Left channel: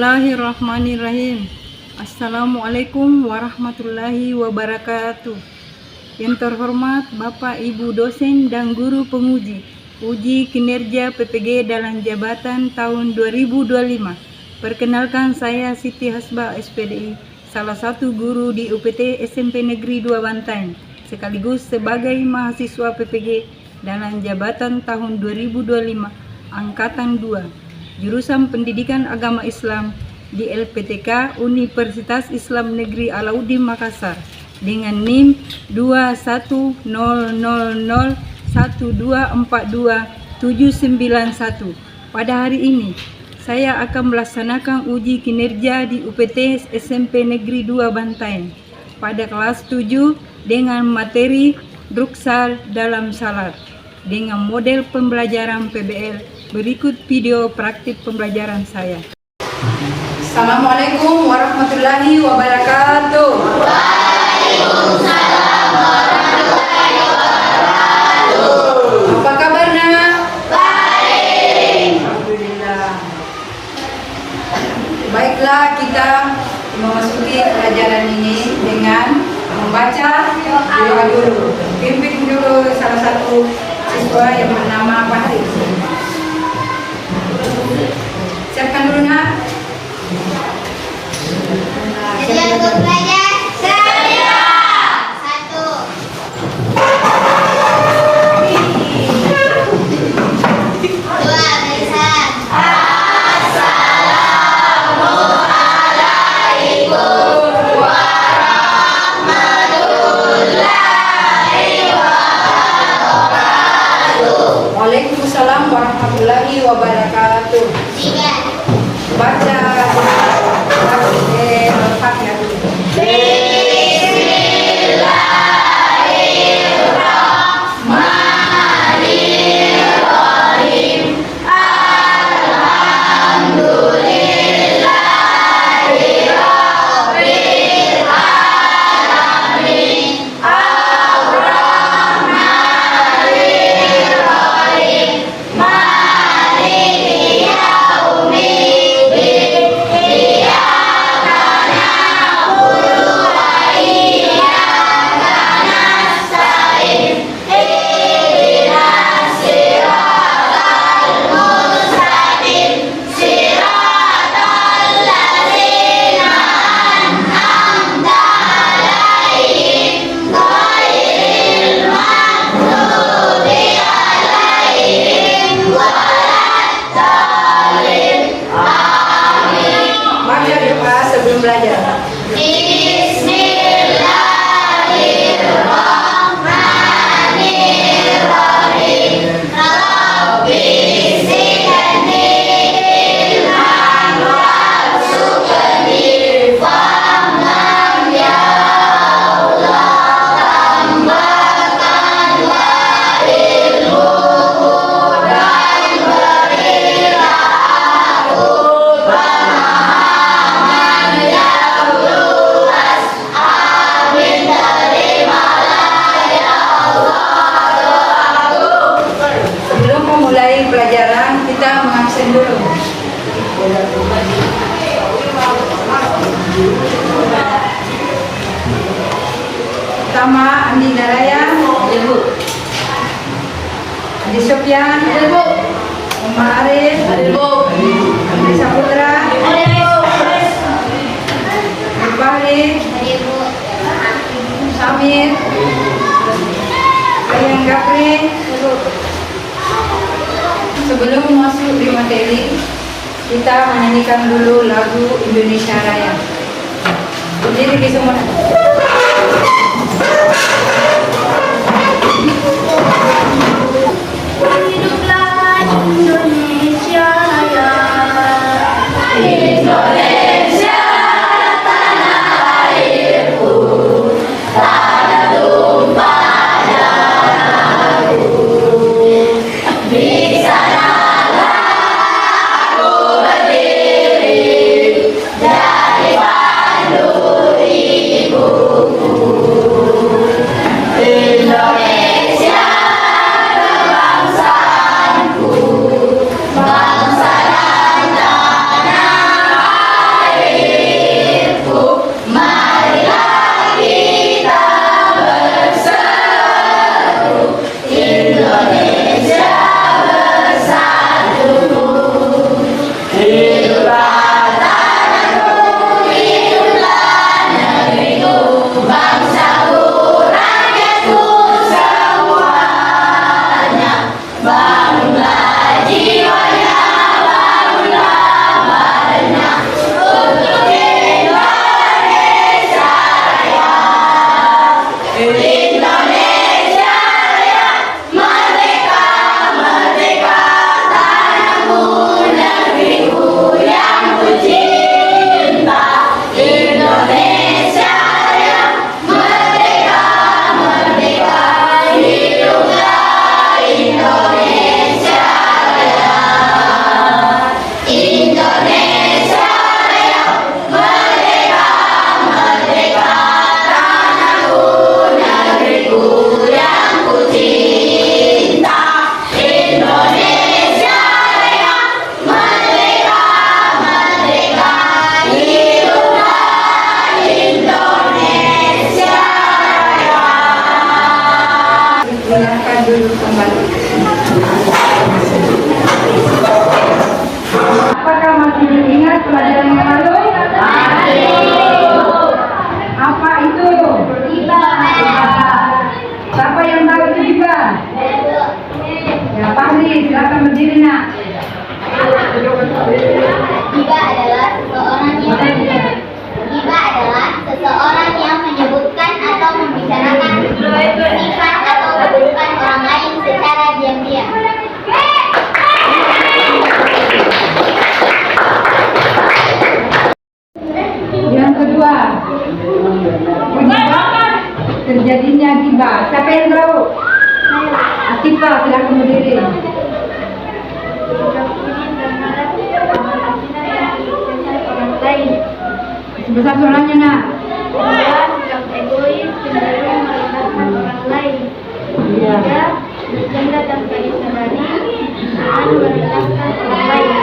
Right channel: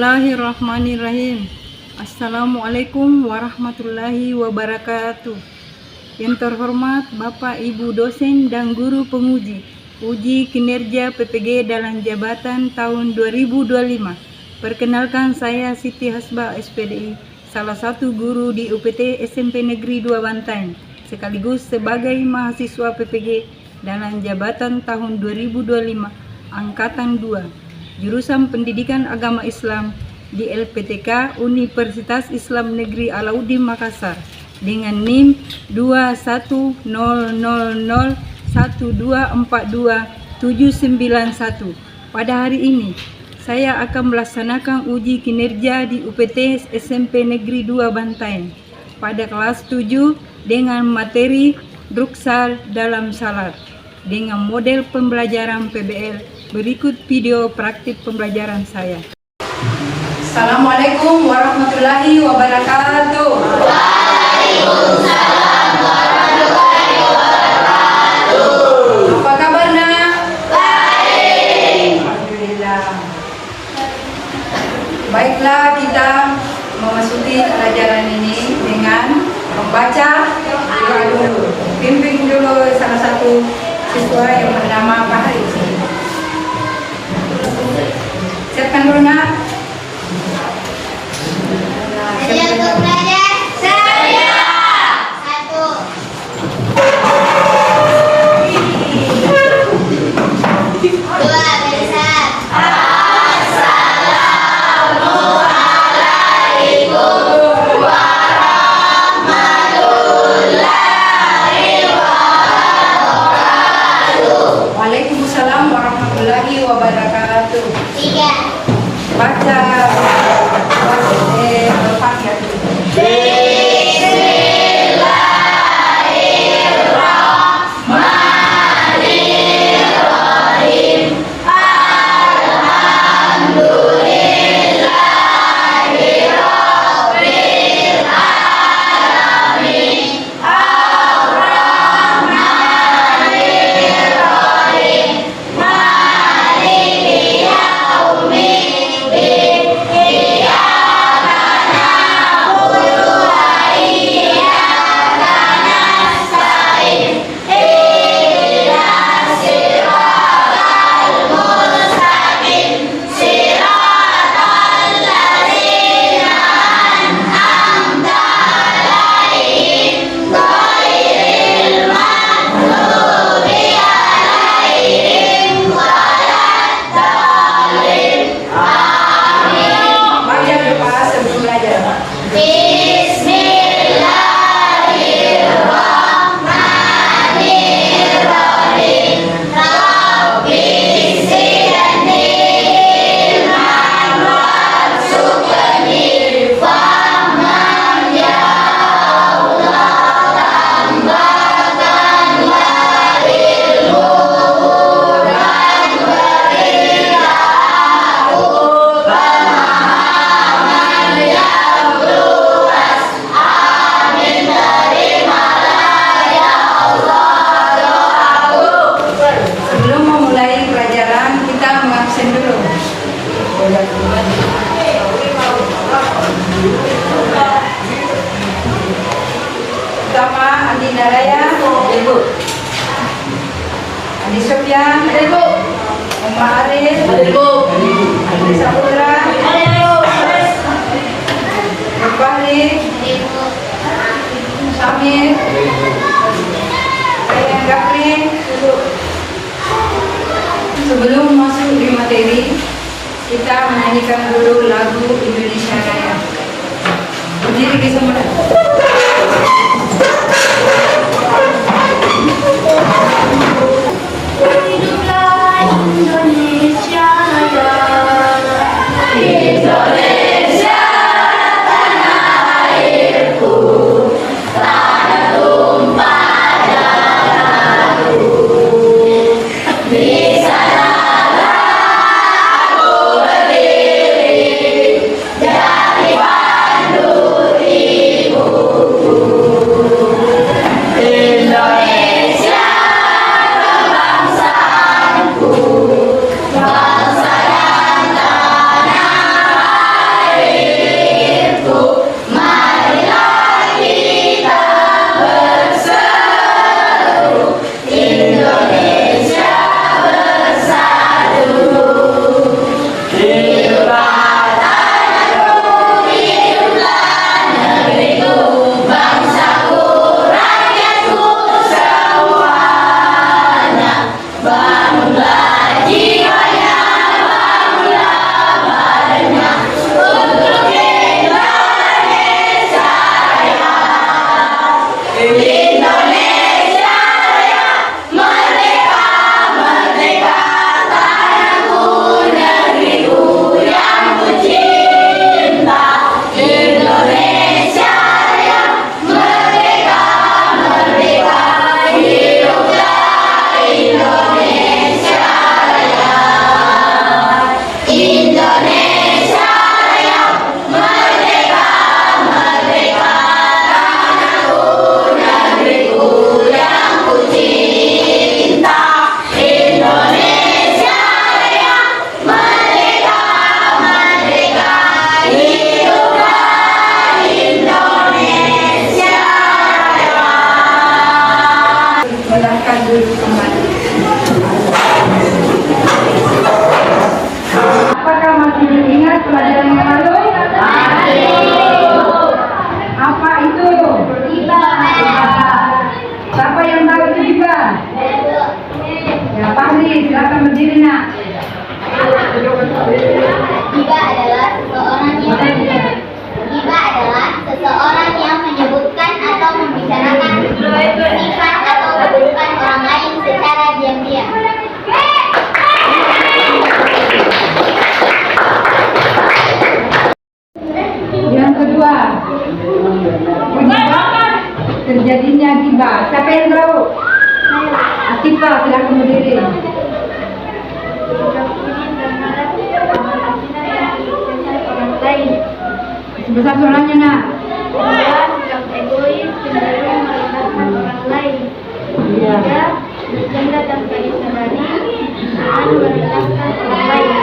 Bismillahirrahmanirrahim. Assalamualaikum warahmatullahi wabarakatuh. Yang terhormat Bapak Ibu dosen dan guru penguji uji kinerja PPG dalam jabatan tahun 2025. Perkenalkan, saya Siti Hasbah SPDI, salah satu guru di UPT SMP Negeri 2 Bantaeng, sekaligus sebagai mahasiswa PPG dalam jabatan tahun 2025 Angkatan 2. Jurusan Pendidikan Agama Islam di LPTK Universitas Islam Negeri Alauddin Makassar dengan NIM 21001242791. Pada hari ini saya akan melaksanakan uji kinerja di UPT SMP Negeri 2 Bantaeng pada kelas 7 dengan materi Druksal dalam Salat dengan model pembelajaran PBL. Berikut video praktik pembelajaran saya. Assalamualaikum warahmatullahi wabarakatuh. Waalaikumsalam warahmatullahi wabarakatuh. Apa kabar, Nak? Baik. Alhamdulillah. Baiklah, kita memasuki pelajaran ini dengan membaca doa dulu. Pimpin dulu salah satu siswa yang bernama Fahri. Siapkan dulu, Nak. Ada untuk belajar? Saya. Satu. Dua, besar. Assalamualaikum warahmatullahi wabarakatuh. Waalaikumsalam warahmatullahi wabarakatuh. Tiga. Baca Al-Fatihah dulu. Bismillahirrahmanirrahim. Alhamdulillahirabbil alamin. Ar-Rahmanirrahim. Maliki yaumiddin. Iyyaka na'budu wa iyyaka nasta'in. Ihdinas siratal mustaqim. Siratal ladzina an'amta 'alaihim ghairil maghdubi 'alaihim waladdallin. Amin. Baca doa sebelum belajar. Bismillahirrahmanirrahim. Rabbi zidni ilman warzuqni fahman. Ya Allah, tambahkan wa ilmuhu dan berilah aku pemahaman yang luas. Amin. Terimalah ya Allah doaku. Sebelum memulai pelajaran, kita mengabsen dulu. Pertama, Andi Naraya, Ibu. Andi Sofyan, Ibu. Umar Arif, Ibu. Andi Saputra, Ibu. Fahri, Samir, Ayang Gafri. Sebelum masuk di materi, kita menyanyikan dulu lagu Indonesia Raya. Berdiri di semua. Hiduplah Indonesia Raya. Indonesia tanah airku, tanah tumpah darahku. Di sanalah aku berdiri dari pandu ibu. seseorang yang menyebutkan atau membicarakan sifat atau kedudukan orang lain secara diam-diam. Yang kedua, penyebab terjadinya ghibah. Siapa yang tahu? Atifah, silakan berdiri. Sebesar suaranya, nak. Sikap egois, cenderung merendahkan orang lain. Iya. Bercanda tanpa disadari dan merendahkan orang lain.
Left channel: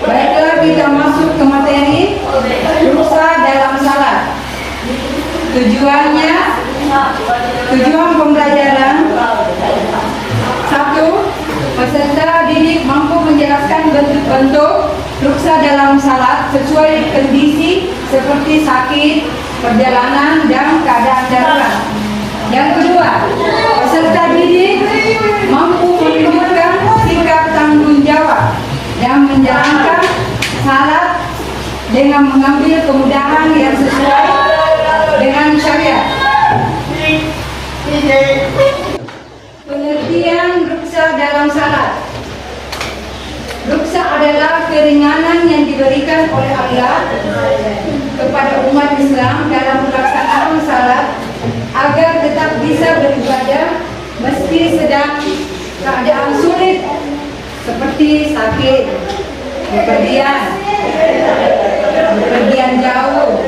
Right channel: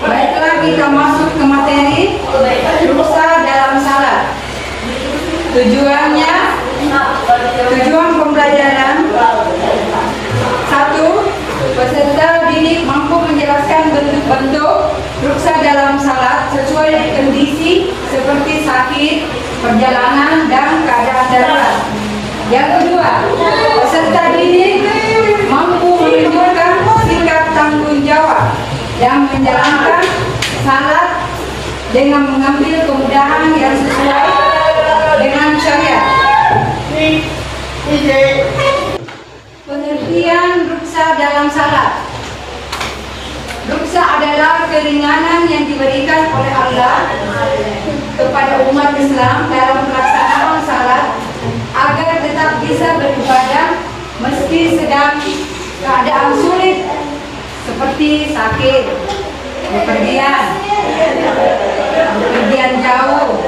Baiklah, kita masuk ke materi dosa dalam salat. Tujuan pembelajaran. 1. Peserta didik mampu menjelaskan bentuk-bentuk dosa dalam salat sesuai kondisi seperti sakit, perjalanan, dan keadaan darurat. Yang kedua, peserta didik mampu menunjukkan sikap tanggung jawab dan menjalankan salat dengan mengambil kemudahan yang sesuai dengan syariat. Pengertian ruksa dalam salat. Ruksa adalah keringanan yang diberikan oleh Allah kepada umat Islam dalam pelaksanaan salat agar tetap bisa beribadah meski sedang keadaan sulit seperti sakit, bepergian jauh,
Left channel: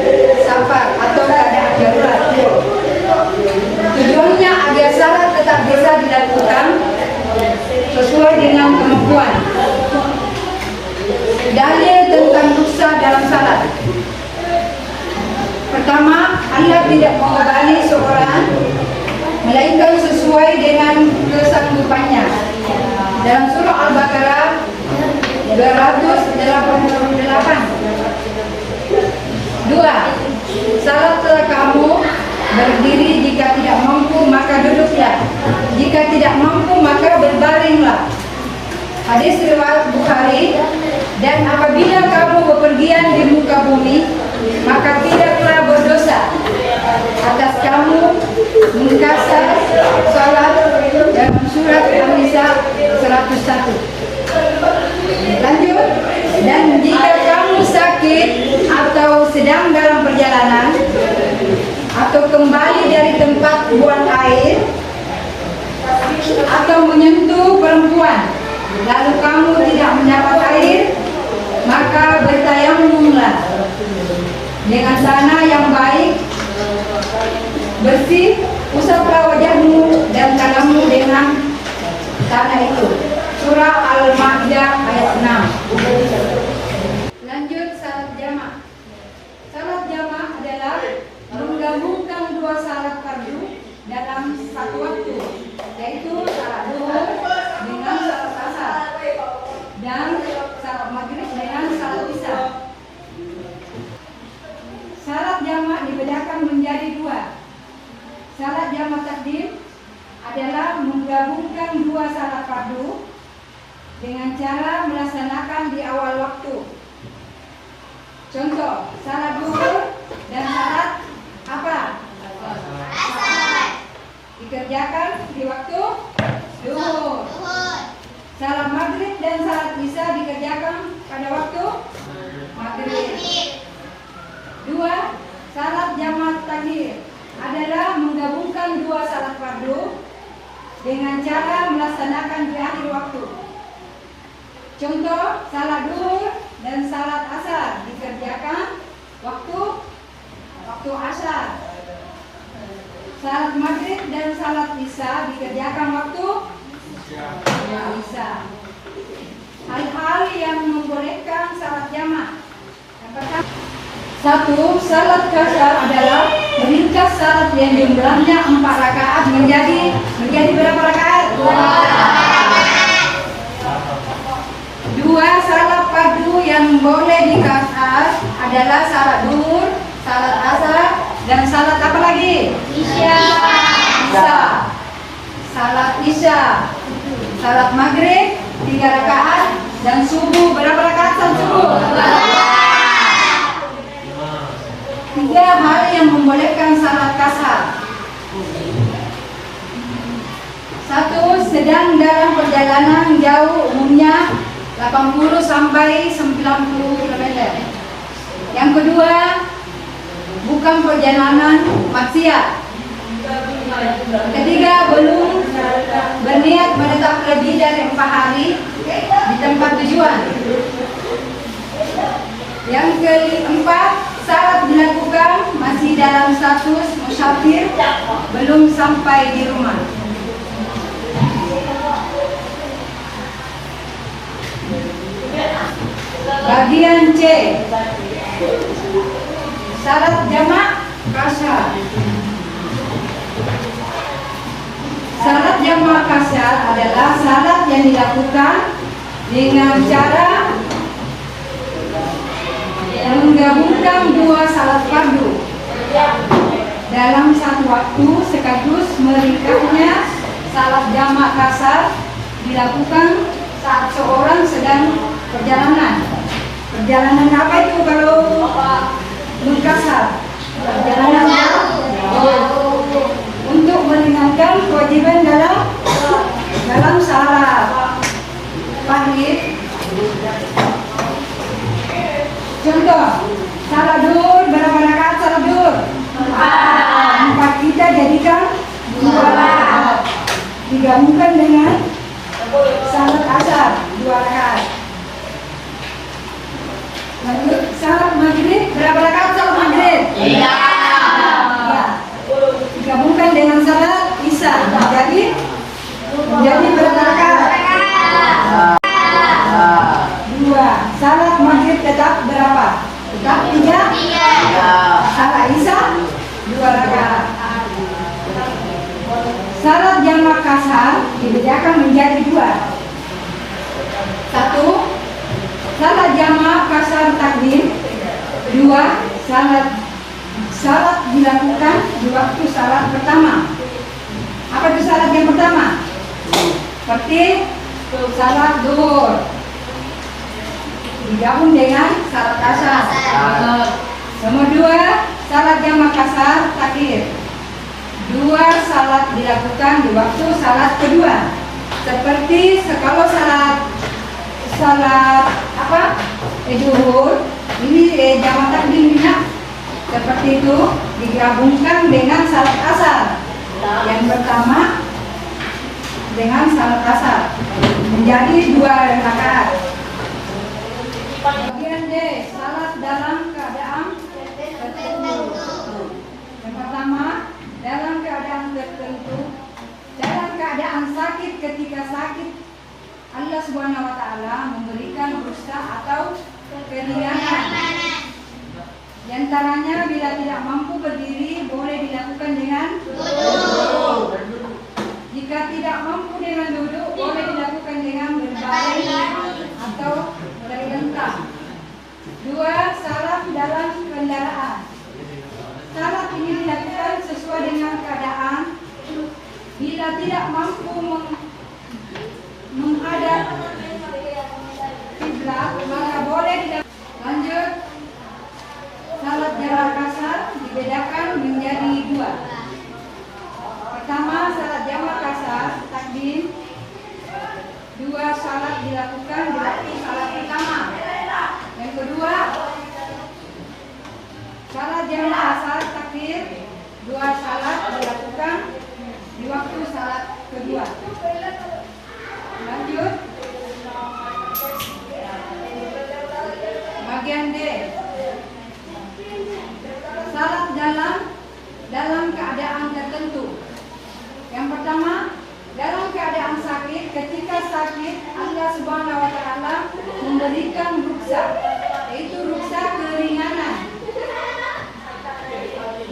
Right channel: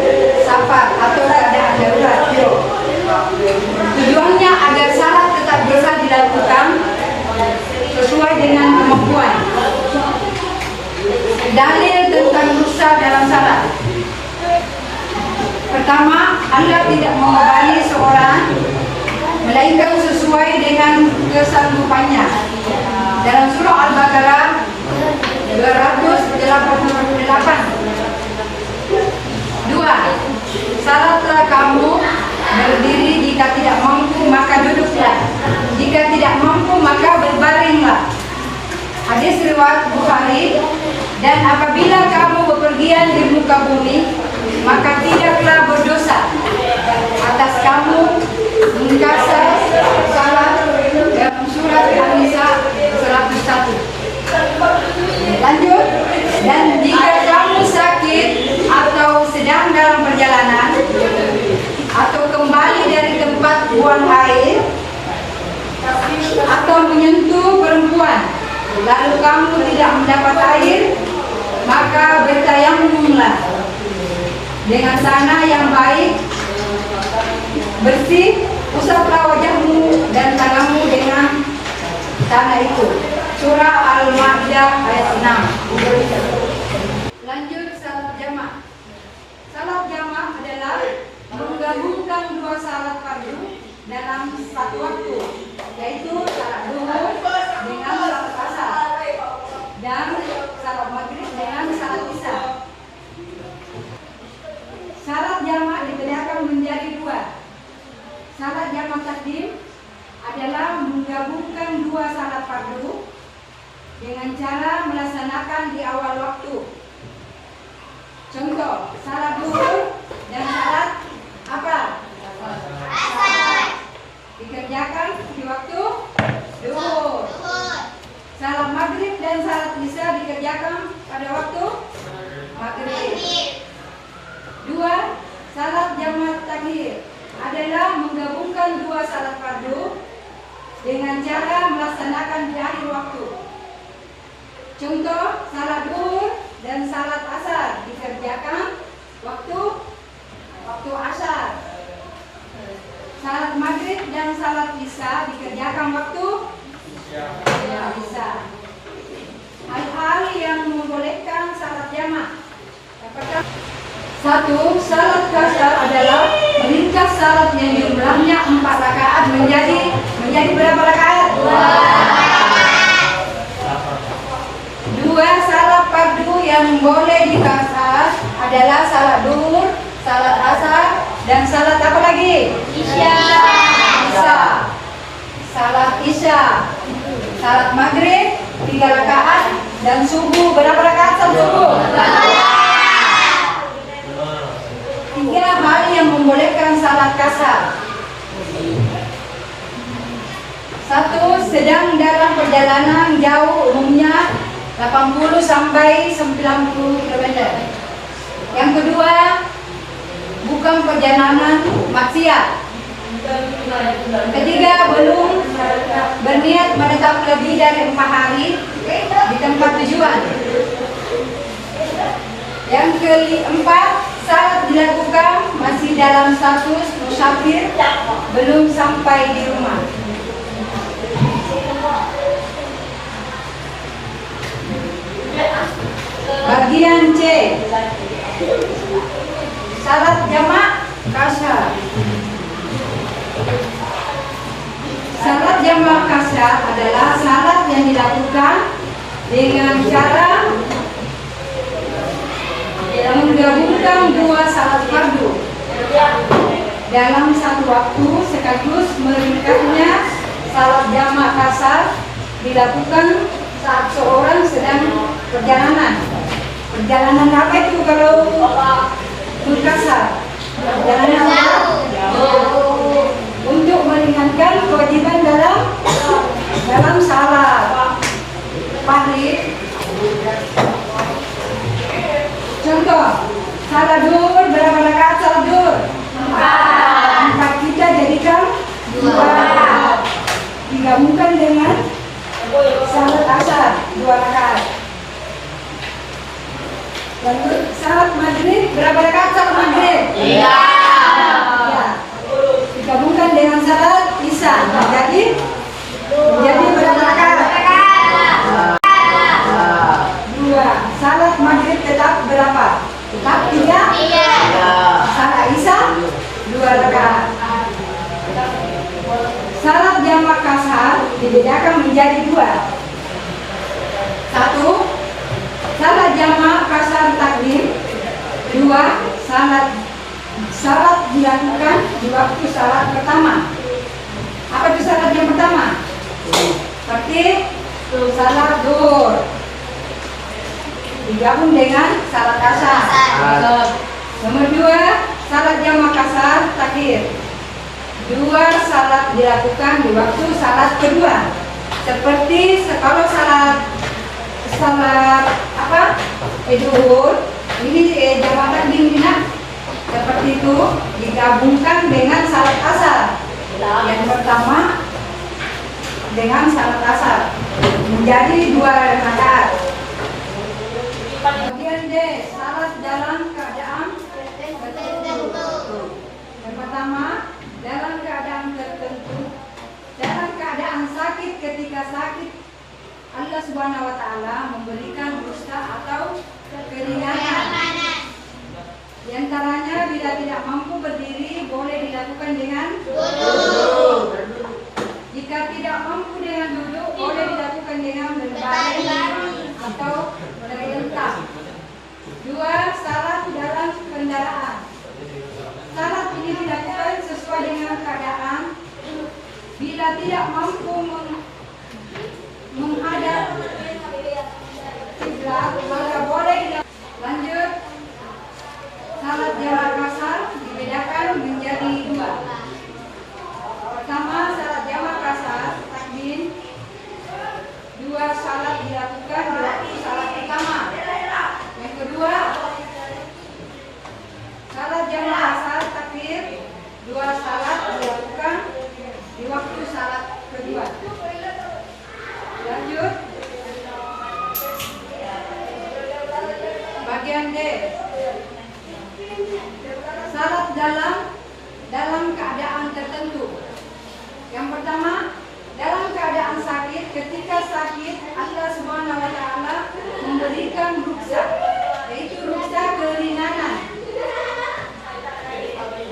safar atau keadaan darurat. Tujuannya agar salat tetap bisa dilakukan sesuai dengan kemampuan. Dalil tentang ruksa dalam salat. Pertama, Allah tidak membebani seorang melainkan sesuai dengan kesanggupannya. Dalam surah Al-Baqarah 288. 2. Salatlah kamu berdiri, jika tidak mampu maka duduklah, jika tidak mampu maka berbaringlah. Hadis riwayat Bukhari. Dan apabila kamu bepergian di muka bumi, maka tidaklah berdosa atas kamu mengkasar salat dalam surat An-Nisa 101. Lanjut. Dan jika kamu sakit atau sedang dalam perjalanan atau kembali dari tempat buang air atau menyentuh perempuan lalu kamu tidak mendapat air, maka bertayamumlah dengan tanah yang baik, bersih, usaplah wajahmu dan tanganmu dengan tanah itu. Surah Al-Maidah ayat 6. Lanjut, salat jamaah. Salat jamaah adalah menggabungkan dua salat fardu dalam satu waktu, yaitu salat zuhur dengan salat asar dan salat maghrib dengan salat isya. Salat jamaah dibedakan menjadi dua. Salat jamaah takdim adalah menggabungkan dua salat fardu dengan cara melaksanakan di awal waktu. Contoh, salat zuhur dan salat apa? Asar dikerjakan di waktu zuhur. Salat maghrib dan salat isya dikerjakan pada waktu maghrib. 2. Salat jamaah takdim adalah menggabungkan dua salat fardu dengan cara melaksanakan di akhir waktu. Contoh, salat zuhur dan salat asar dikerjakan waktu asar. Salat maghrib dan salat isya dikerjakan waktu isya. Hal-hal yang membolehkan salat jamaah. Apakah? 1. Salat qasar adalah meringkas salat yang jumlahnya 4 rakaat menjadi berapa rakaat? 2. Salat fardu yang boleh dikasar adalah salat zuhur, salat asar, dan salat apa lagi? Isya. salat isya, salat maghrib 3 rakaat, dan subuh berapa rakaat salat subuh? 3 hal yang membolehkan salat kasar. 1. Sedang dalam perjalanan jauh, umumnya 80 sampai 90 km. Yang kedua, bukan perjalanan maksiat. Ketiga, belum berniat menetap lebih dari 4 hari di tempat tujuan. Yang keempat, salat dilakukan masih dalam status musafir, belum sampai di rumah. Bagian C, salat jamak kasar. Salat jamak kasar adalah salat yang dilakukan dengan cara menggabungkan 2 salat fardu dalam satu waktu, sekaligus meringkasnya. Salat jamak kasar dilakukan saat seorang sedang perjalanan. Perjalanan apa itu kalau mukasar? Perjalanan jauh. Untuk meringankan kewajiban dalam salat maghrib. Contoh, salat duhur berapa rakaat salat duhur? 4. Kita jadikan 2 rakaat. Digabungkan dengan salat asar 2 rakaat. Lanjut, salat maghrib berapa rakaat salat maghrib? 3. Ya. Digabungkan dengan salat isya menjadi berapa rakaat? 2. Salat maghrib tetap berapa? Tetap 3. Salat isya 2 rakaat. Salat jamak kasar dibedakan menjadi 2. 1. Salat jamak kasar takdim. 2. Salat dilakukan di waktu salat pertama. Apa itu salat yang pertama? Seperti salat duhur digabung dengan salat kasar. Nomor 2, salat jamak kasar takdir. 2 salat dilakukan di waktu salat kedua. Seperti kalau salat duhur ini jamak takdim seperti itu digabungkan dengan salat asar. Yang pertama dengan salat asar menjadi 2 rakaat. Bagian D, salat dalam keadaan tertentu. Yang pertama, dalam keadaan tertentu, dalam keadaan sakit. Ketika sakit, Allah Subhanahu wa Ta'ala memberikan rukhsah atau keringanan. Di antaranya, bila tidak mampu berdiri, boleh dilakukan dengan duduk. Jika tidak mampu dengan duduk, boleh dilakukan dengan berbaring atau berlentang. 2. Salat dalam kendaraan. Salat ini dilakukan sesuai dengan keadaan. Bila tidak mampu menghadap kiblat, maka boleh dilakukan. Lanjut, salat jamak kasar dibedakan menjadi 2. Pertama, salat jamak kasar takdim. 2 salat dilakukan di waktu salat pertama. Yang kedua, salat jamak kasar takdir. 2 salat dilakukan di waktu salat kedua. Lanjut, bagian D, salat dalam keadaan tertentu. Yang pertama, dalam keadaan sakit. Ketika sakit, Allah Subhanahu wa Ta'ala memberikan rukhsah, yaitu rukhsah keringanan.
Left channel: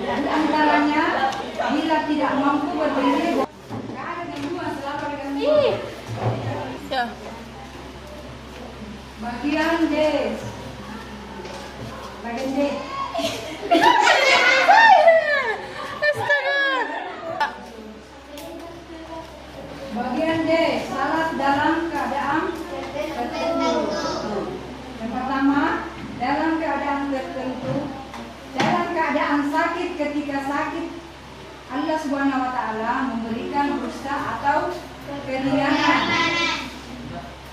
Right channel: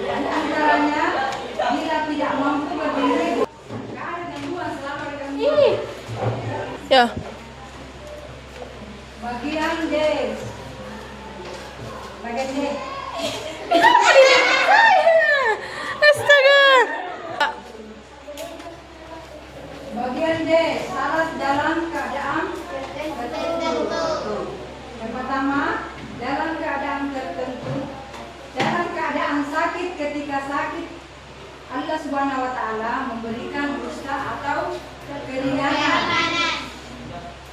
Di antaranya, bila tidak mampu berdiri, Ya. bagian D, bagian D. Astaga. Subhanahu wa Ta'ala memberikan rukhsah atau keringanan.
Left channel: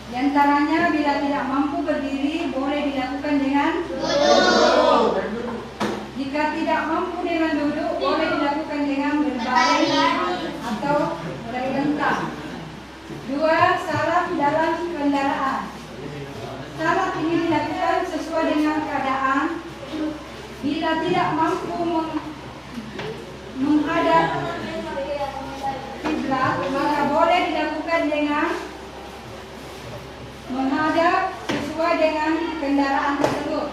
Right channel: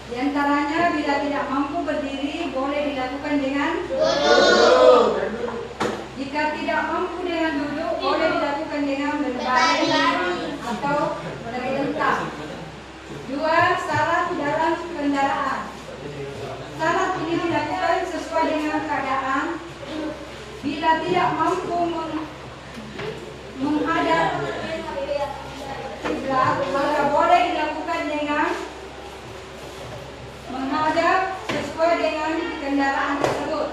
Di antaranya bila tidak mampu berdiri boleh dilakukan dengan duduk. Jika tidak mampu dengan duduk boleh dilakukan dengan berbaring atau bergentak. 2. Salat dalam kendaraan. Salat ini dilakukan sesuai dengan keadaan. Bila tidak mampu menghadap kiblat, maka boleh dilakukan dengan menghadap sesuai dengan kendaraan tersebut.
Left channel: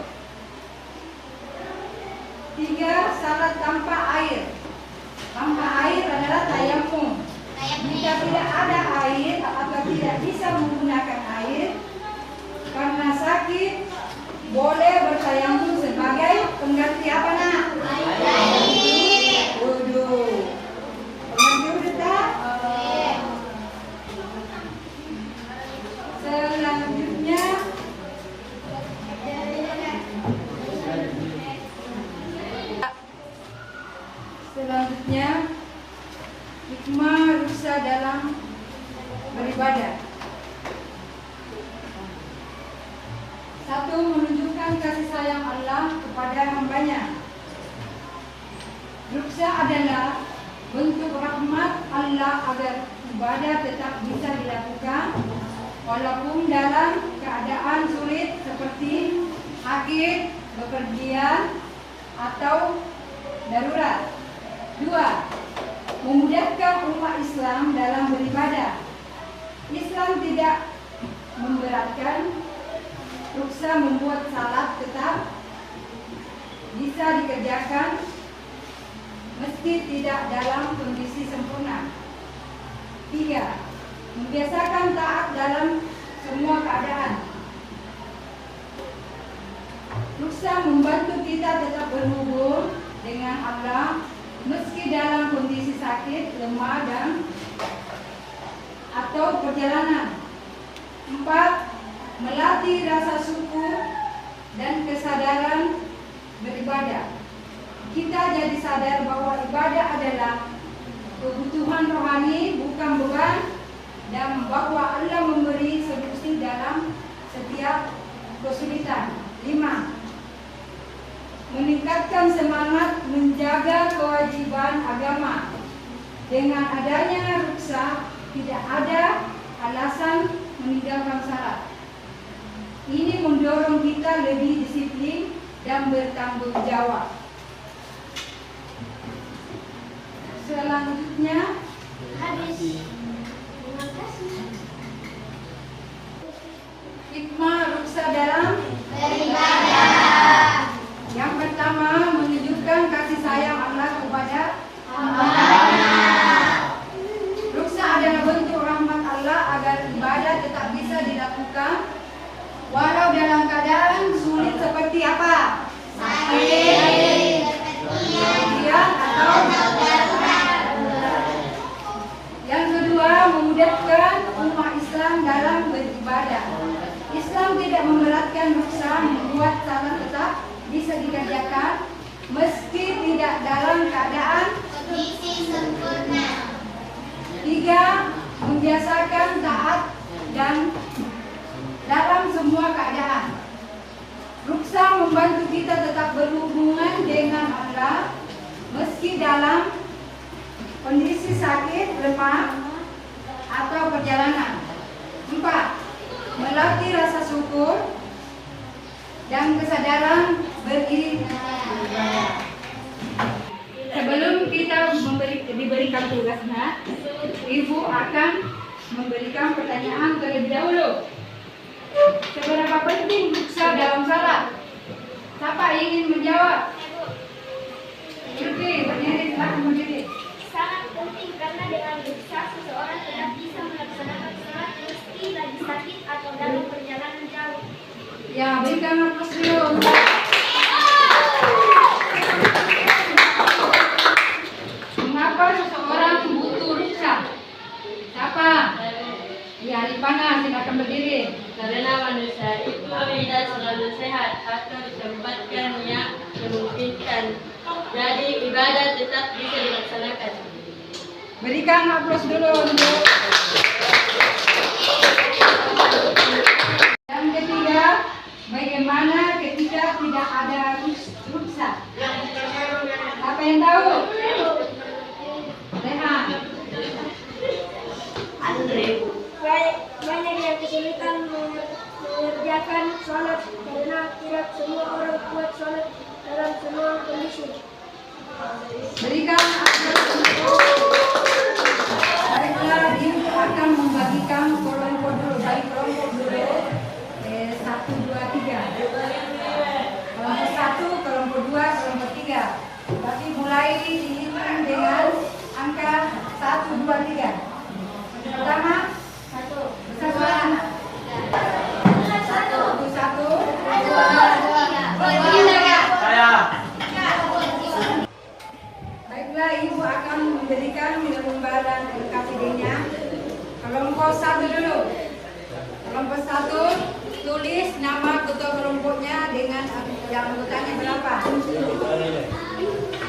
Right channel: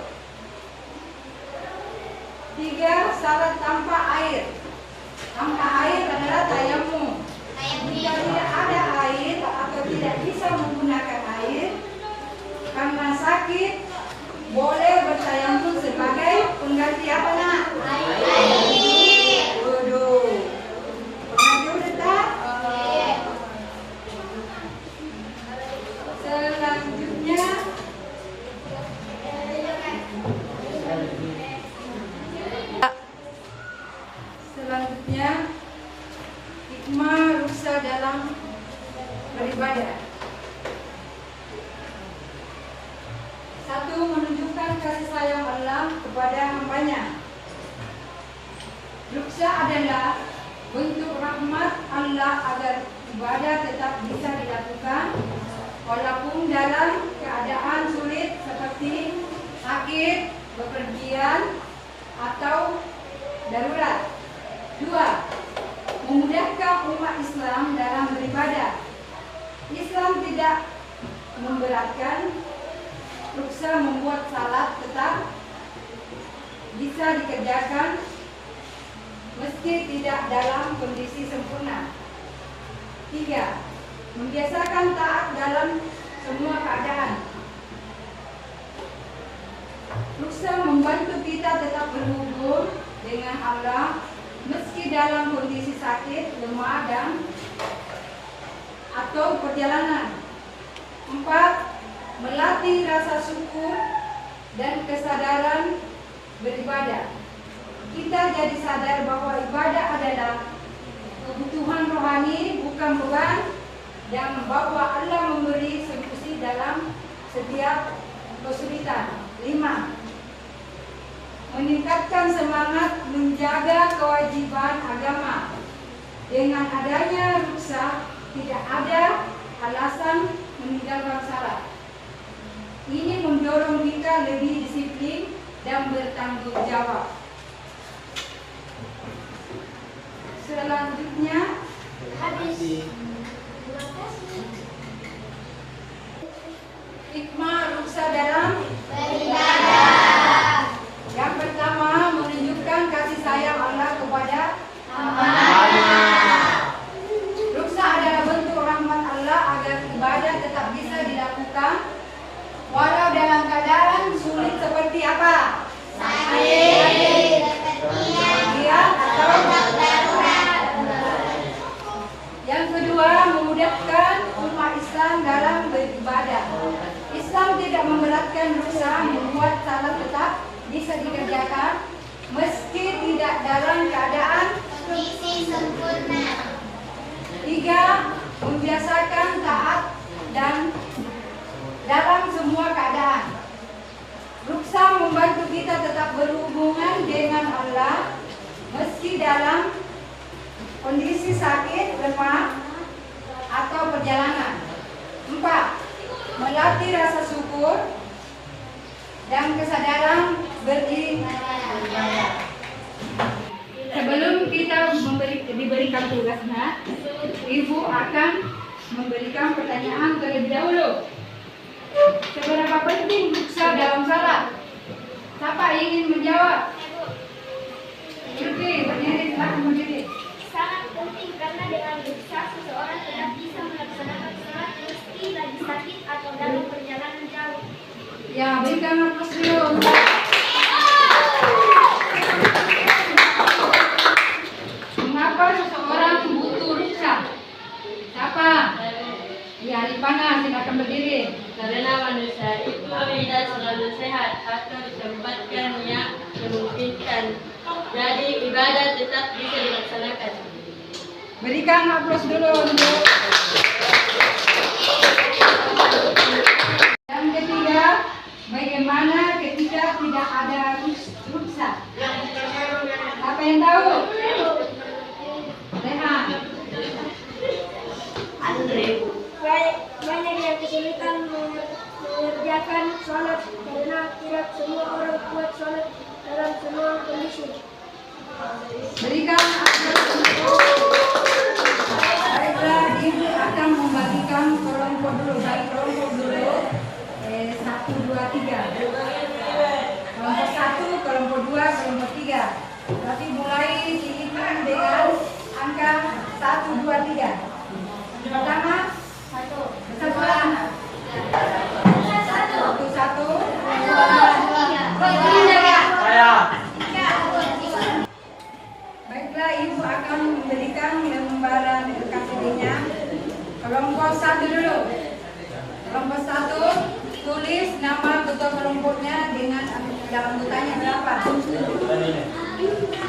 3. Salat tanpa air. Tanpa air adalah tayamum. Jika tidak ada air atau tidak bisa menggunakan air karena sakit, boleh bertayamum sebagai pengganti apa nak? Air. Wudu. Pengganti wudu tak? Selanjutnya hikmah rukhsah dalam beribadah. 1. Menunjukkan kasih sayang Allah kepada hambanya. Rukhsah adalah bentuk rahmat Allah agar ibadah tetap bisa dilakukan walaupun dalam keadaan sulit seperti sakit, bepergian, atau darurat. 2. Memudahkan umat Islam dalam beribadah. Islam tidak memberatkan. Rukhsah membuat salat tetap bisa dikerjakan meski tidak dalam kondisi sempurna. 3. Membiasakan taat dalam semua keadaan. Rukhsah membantu kita tetap berhubung dengan Allah meski dalam kondisi sakit, lemah, dan atau perjalanan. 4. Melatih rasa syukur dan kesadaran beribadah. Kita jadi sadar bahwa ibadah adalah kebutuhan rohani, bukan beban, dan bahwa Allah memberi solusi dalam setiap kesulitan. 5. Meningkatkan semangat menjaga kewajiban agama. Dengan adanya rukhsah, tidak ada alasan meninggalkan salat. Ini mendorong kita lebih disiplin dan bertanggung jawab. Selanjutnya, hikmah rukhsah dalam beribadah. Yang pertama, menunjukkan kasih sayang Allah kepada hamba-Nya. Rukhsah adalah bentuk rahmat Allah agar ibadah tetap bisa dilakukan walau dalam keadaan sulit seperti apa? Sakit, kepergian, atau darurat. Yang kedua, memudahkan umat Islam dalam beribadah. Islam tidak memberatkan rukhsah, membuat salat tetap bisa dikerjakan meski tidak dalam keadaan Kondisi sempurna. 3. Membiasakan taat dan dalam semua keadaan. Rukhsah membantu kita tetap berhubungan dengan Allah meski dalam kondisi sakit, lemah, atau perjalanan. 4. Melatih rasa syukur dan kesadaran beribadah. Sebelum kita diberikan tugasnya, Ibu akan memberikan pertanyaan terlebih dahulu. Seberapa penting rukhsah dalam salat? Siapa ingin menjawab? Oke, berdiri, silahkan berdiri. Sangat penting karena dengan rukhsah seseorang tetap bisa melaksanakan salat meski lagi sakit atau dalam perjalanan jauh. Ya, berikan aplaus dulu. Mengapa seseorang butuh rukhsah? Siapa? Ya, Ripana, silakan berdiri. Karena manusia itu tidak selalu sehat atau disempatkan yang memungkinkan. Jadi ibadah tetap bisa dilaksanakan. Berikan aplaus dulu untuk yang ketiga, bagaimana ketika tidak ada rukhsah? Apa yang tahu? Rehan. Banyak yang kesulitan mengerjakan sholat karena tidak semua orang kuat sholat dalam semua kondisi. Berikan aplaus. Baiklah, ibu akan membagikan kelompok dulu. Baik, kelompok dulu. 1, 2, 3. Kelompok 1, kelompok 2, kelompok 3. Tapi mulai dihitung dengan angka 1, 2, 3. Pertama, satu anak. 1, 2, 3. Baiklah, ibu akan memberikan lembaran KTP-nya. Kelompok 1 dulu. Kelompok 1, tulis nama ketua kelompoknya dengan yang anggotanya berapa.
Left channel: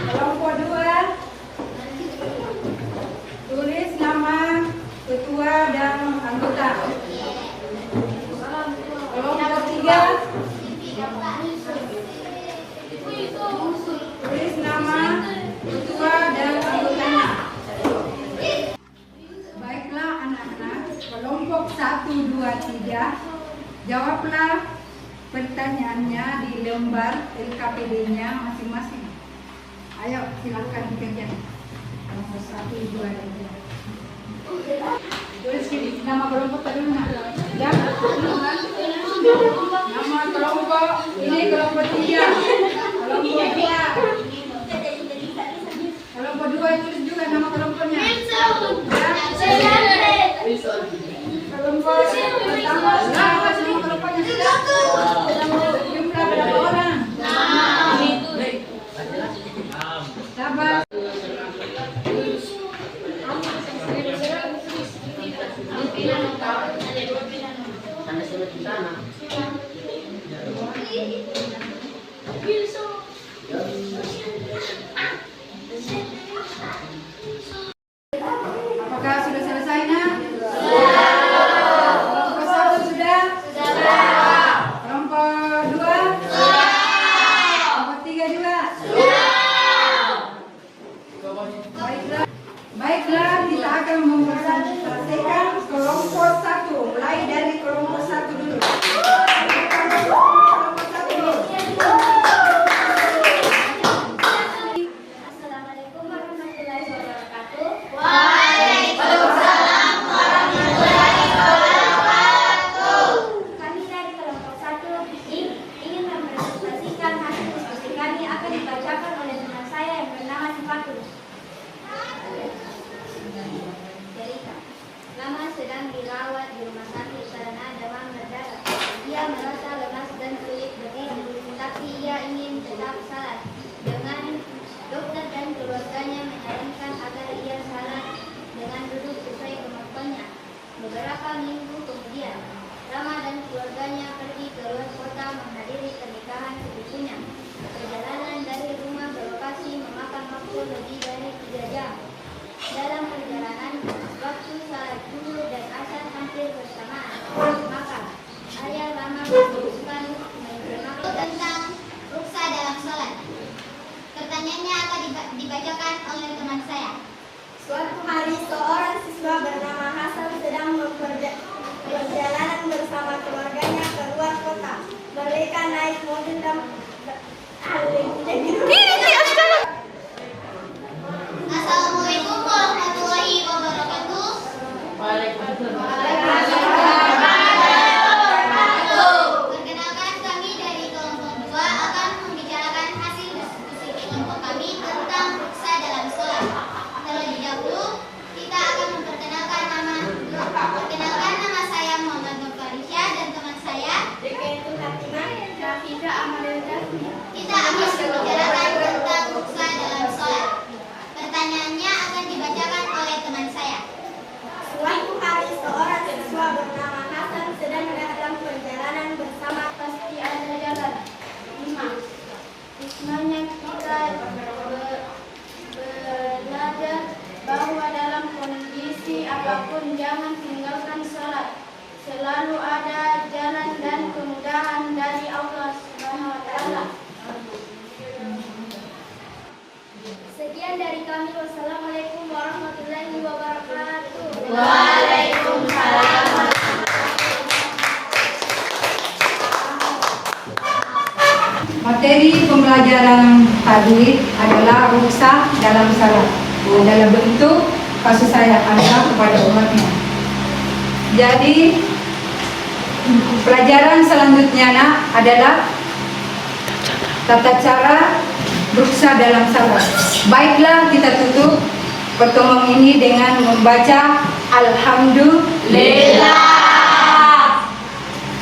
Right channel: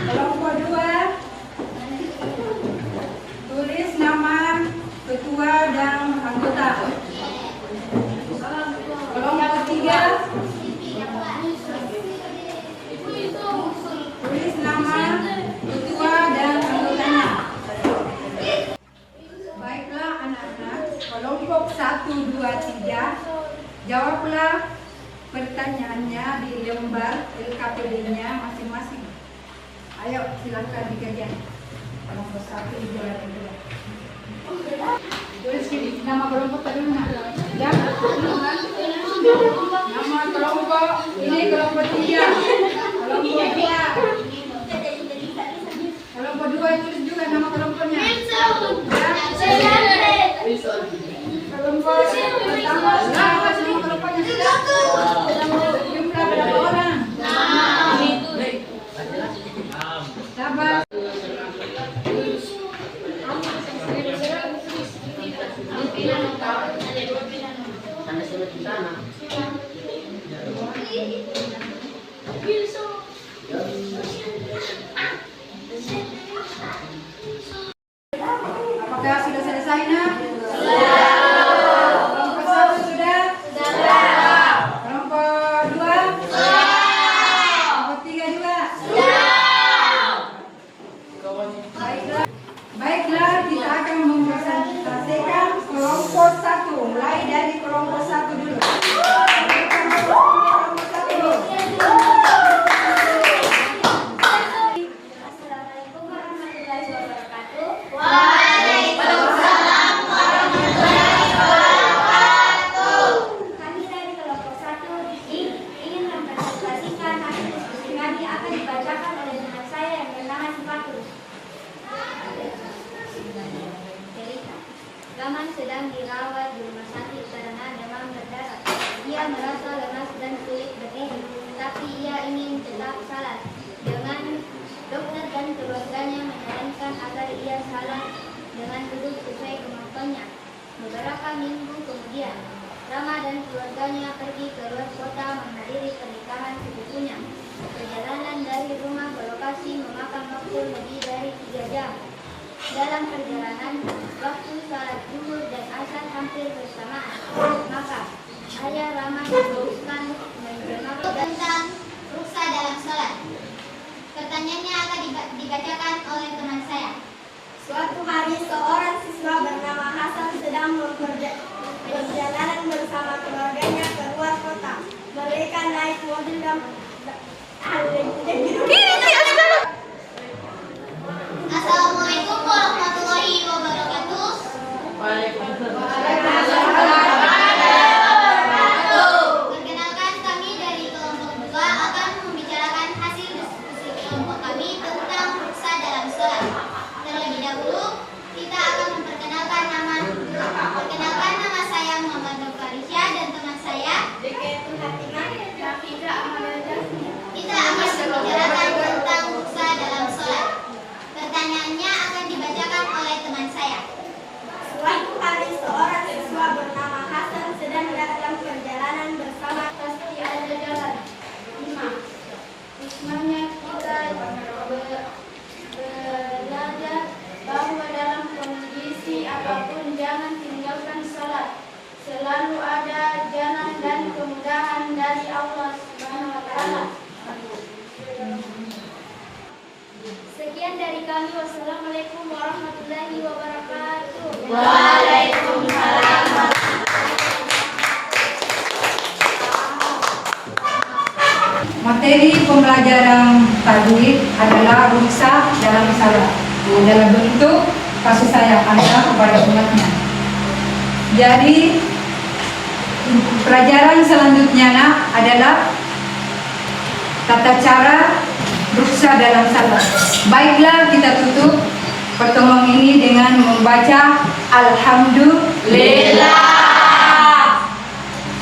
Kelompok 2, tulis nama ketua dan anggota. Kelompok 3, tulis nama ketua dan anggotanya. Baiklah anak-anak, kelompok 1, 2, 3, jawablah pertanyaannya di lembar LKPD-nya masing-masing. Ayo silakan dikerjakan. Kelompok 1, 2, 3. Tulis sini nama kelompok tadi mana? Ya. Nama kelompok ini kelompok 3. Kelompok 2. Kelompok 2 tulis juga nama kelompoknya. Ya. Kelompok pertama berapa semua kelompoknya sudah? Jumlah berapa orang? 6. Sabar. Apakah sudah selesai, Nak? Kelompok 1 sudah? Kelompok 2? Kelompok 3 juga? Baiklah, kita akan mempresentasikan kelompok 1. Mulai dari kelompok 1 dulu. Kelompok 1 dulu. Assalamualaikum warahmatullahi wabarakatuh. Kami dari kelompok 1 ingin mempresentasikan hasil diskusi kami akan dibacakan oleh teman saya yang bernama Sifatul. Laman sedang dirawat di rumah sakit karena demam berdarah. Ia merasa lemas dan sulit berdiri, tapi ia ingin tetap salat. Dengan dokter dan keluarganya menyarankan agar ia salat dengan duduk sesuai kemampuannya. Beberapa minggu kemudian, Rama dan keluarganya pergi ke luar kota menghadiri pernikahan sepupunya. Perjalanan dari rumah ke lokasi memakan waktu lebih dari 3 jam. Dalam perjalanan, waktu salat zuhur dan asar hampir bersamaan. Maka, ayah Rama memutuskan mencermati Tentang rukhsah dalam sholat. Pertanyaannya akan dibacakan oleh teman saya. Suatu hari seorang siswa bernama Hasan sedang berjalanan bersama keluarganya ke luar kota. Mereka naik mobil dan Assalamualaikum warahmatullahi wabarakatuh. Perkenalkan, kami dari kelompok 2 akan membicarakan hasil diskusi kelompok kami tentang rukhsah dalam sholat. Terlebih dahulu, kita akan memperkenalkan nama. Perkenalkan, nama saya Muhammad Nurfarisya dan teman saya Hatimah, Nafisa Amalilda, apapun jangan tinggalkan salat. Selalu ada jalan dan kemudahan dari Allah Subhanahu wa taala. Sekian dari kami. Wassalamualaikum warahmatullahi wabarakatuh. Waalaikumsalam. Materi pembelajaran tadi adalah rukhsah dalam salat dalam bentuk kasih sayang Allah kepada umatnya. Jadi pelajaran selanjutnya adalah tata cara rukhsah dalam salat. Baiklah, kita tutup pertemuan ini dengan membaca Alhamdulillah.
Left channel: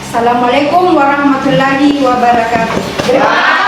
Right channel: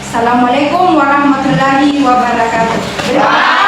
Assalamualaikum warahmatullahi wabarakatuh.